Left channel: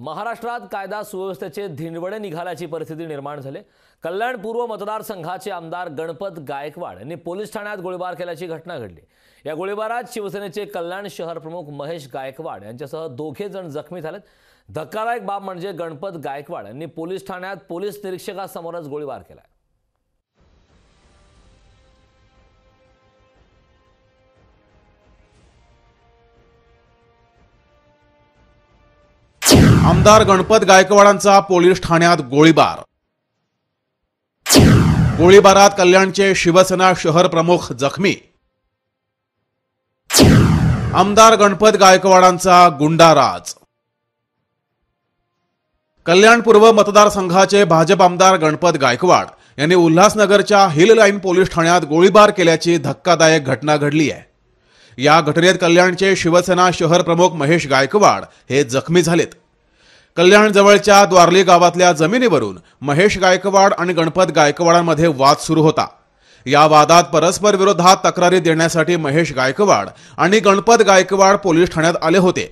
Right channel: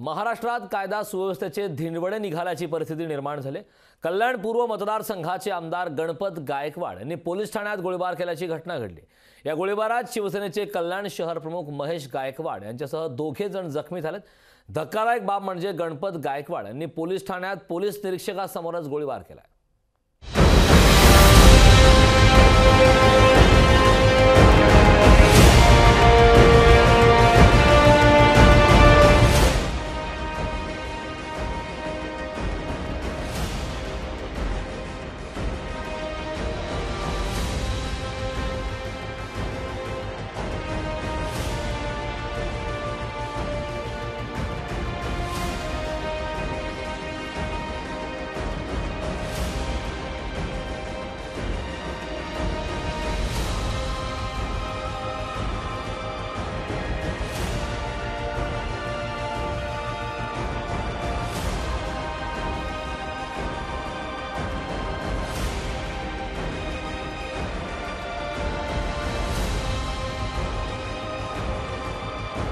महाराष्ट्रात कायदा सुव्यवस्थेचे धिंडवडे निघाल्याची परिस्थिती निर्माण झाली। कल्याण पूर्व मतदारसंघाचे आमदार गणपत गायकवाड यांनी पोलीस ठाण्यात गोळीबार केल्याची घटना घडली। या गोळीबारात शिवसेनेचे कल्याण शहर प्रमुख महेश गायकवाड यांच्यासह 2 जण जखमी झालेत। धक्कादायक बाब म्हणजे गणपत गायकवाड यांनी पोलीस ठाण्यात पोलीस निरीक्षकासमोरच गोळीबार केला। आमदार गणपत गायकवाडांचा पोलीस ठाण्यात गोळीबार। गोळीबारात कल्याणचे शिवसेना शहर प्रमुख जखमी। आमदार गणपत गायकवाडांचा गुंडाराज। कल्याण पूर्व मतदारसंघाचे भाजप आमदार गणपत गायकवाड यांनी उल्हासनगरच्या हिल लाईन पोलीस ठाण्यात गोळीबार केल्याची धक्कादायक घटना घडली आहे। या घटनेत कल्याणचे शिवसेना शहर प्रमुख महेश गायकवाड हे जखमी झालेत। कल्याण जवळच्या द्वारली गावातल्या जमिनीवरून महेश गायकवाड आणि गणपत गायकवाडांमध्ये वाद सुरू होता। या वादात परस्पर विरोधात तक्रारी देण्यासाठी महेश गायकवाड आणि गणपत गायकवाड पोलीस ठाण्यात आले होते।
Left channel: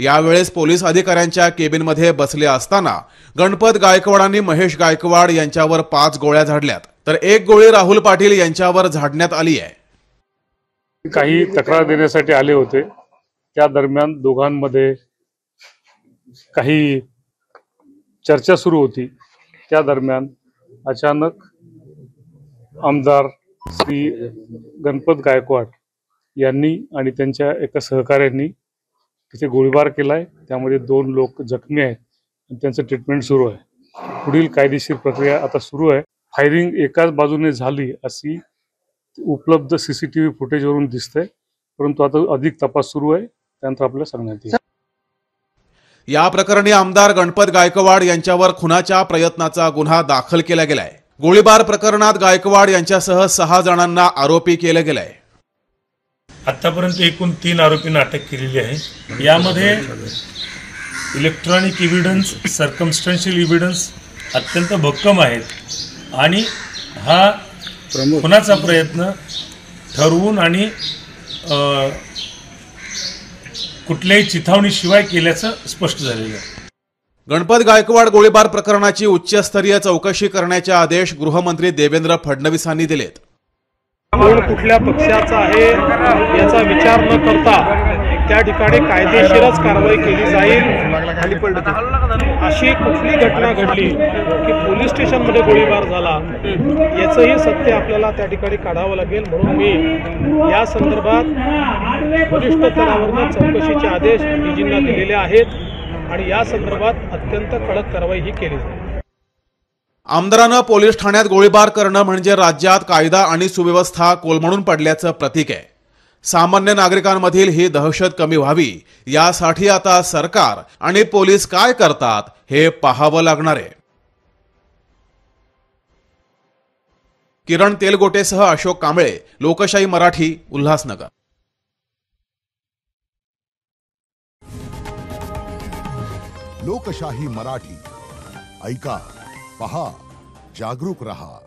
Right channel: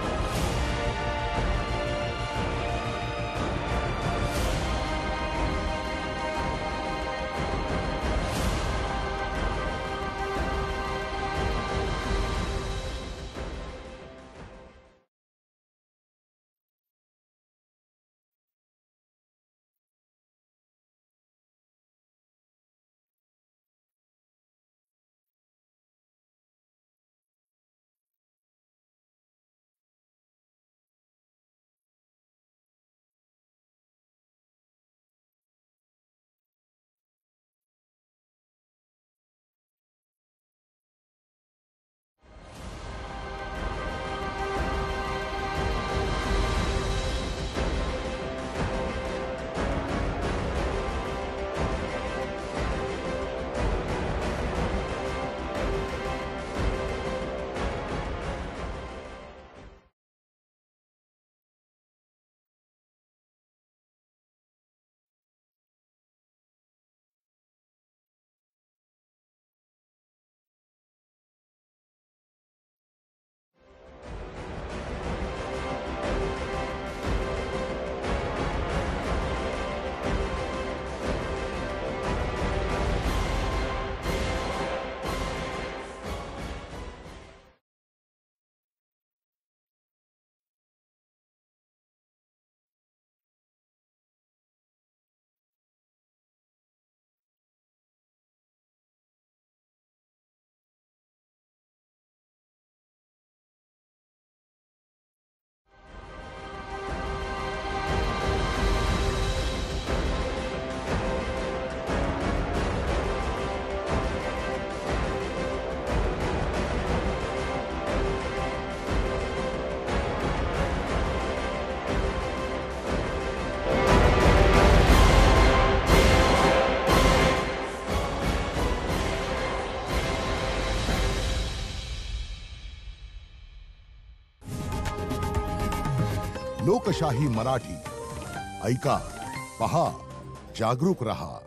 यावेळेस पोलीस अधिकाऱ्यांच्या केबिनमध्ये बसले असताना गणपत गायकवाडांनी महेश गायकवाड यांच्यावर 5 गोळ्या झाडल्यात, तर 1 गोळी राहुल पाटील यांच्यावर झाडण्यात आली आहे। काही तक्रार देण्यासाठी आले होते। त्या दरम्यान दोघांमध्ये काही चर्चा सुरू होती। त्या दरम्यान अचानक आमदार श्री गणपत गायकवाड यांनी आणि त्यांच्या एका सहकाऱ्यांनी तिथे गोळीबार केलाय। त्यामध्ये 2 लोक जखमी आहेत आणि त्यांचं ट्रीटमेंट सुरू आहे। पुढील कायदेशीर प्रक्रिया आता सुरू आहे। फायरिंग एकाच बाजूने झाली अशी उपलब्ध सीसीटीव्ही फुटेजवरून दिसतंय, परंतु आता अधिक तपास सुरू आहे, त्यानंतर आपल्याला सांगण्यात येईल। या प्रकरणी आमदार गणपत गायकवाड यांच्यावर खुनाच्या प्रयत्नाचा गुन्हा दाखल केला गेलाय। गोळीबार प्रकरणात गायकवाड यांच्यासह 6 जणांना आरोपी केले गेले। आतापर्यंत एकूण 3 आरोपींना अटक केलेली आहे। यामध्ये इलेक्ट्रॉनिक एव्हिडन्स, सर्कमस्टन्शियल एव्हिडन्स अत्यंत भक्कम आहेत आणि हा खुनाचा प्रयत्न ठरवून आणि कुठल्याही चिथावणीशिवाय केल्याचं स्पष्ट झालेलं आहे। गणपत गायकवाड गोळीबार प्रकरणाची उच्चस्तरीय चौकशी करण्याचे आदेश गृहमंत्री देवेंद्र फडणवीसांनी दिले। कोण कुठल्या पक्षाचा आहे याचा विचार न करता त्या ठिकाणी कायदेशीरच कारवाई केली जाईल। अशी कुठली घटना घडली की पोलीस स्टेशनमध्ये गोळीबार झाला याचंही सत्य आपल्याला त्या ठिकाणी काढावं लागेल। म्हणून मी या संदर्भात वरिष्ठ स्तरावरून चौकशीचे आदेश डीजींना दिलेले आहेत आणि या संदर्भात अत्यंत कडक कारवाई ही केली। आमदारांना पोलीस ठाण्यात गोळीबार करणं म्हणजे राज्यात कायदा आणि सुव्यवस्था कोलमडून पडल्याचं प्रतीक आहे। सामान्य नागरिकांमधील ही दहशत कमी व्हावी यासाठी आता सरकार आणि पोलीस काय करतात हे पाहावं लागणार आहे। किरण तेलगोटेसह अशोक कांबळे, लोकशाही मराठी, उल्हासनगर। लोकशाही मराठी ऐका, पहा, जागरूक रहा।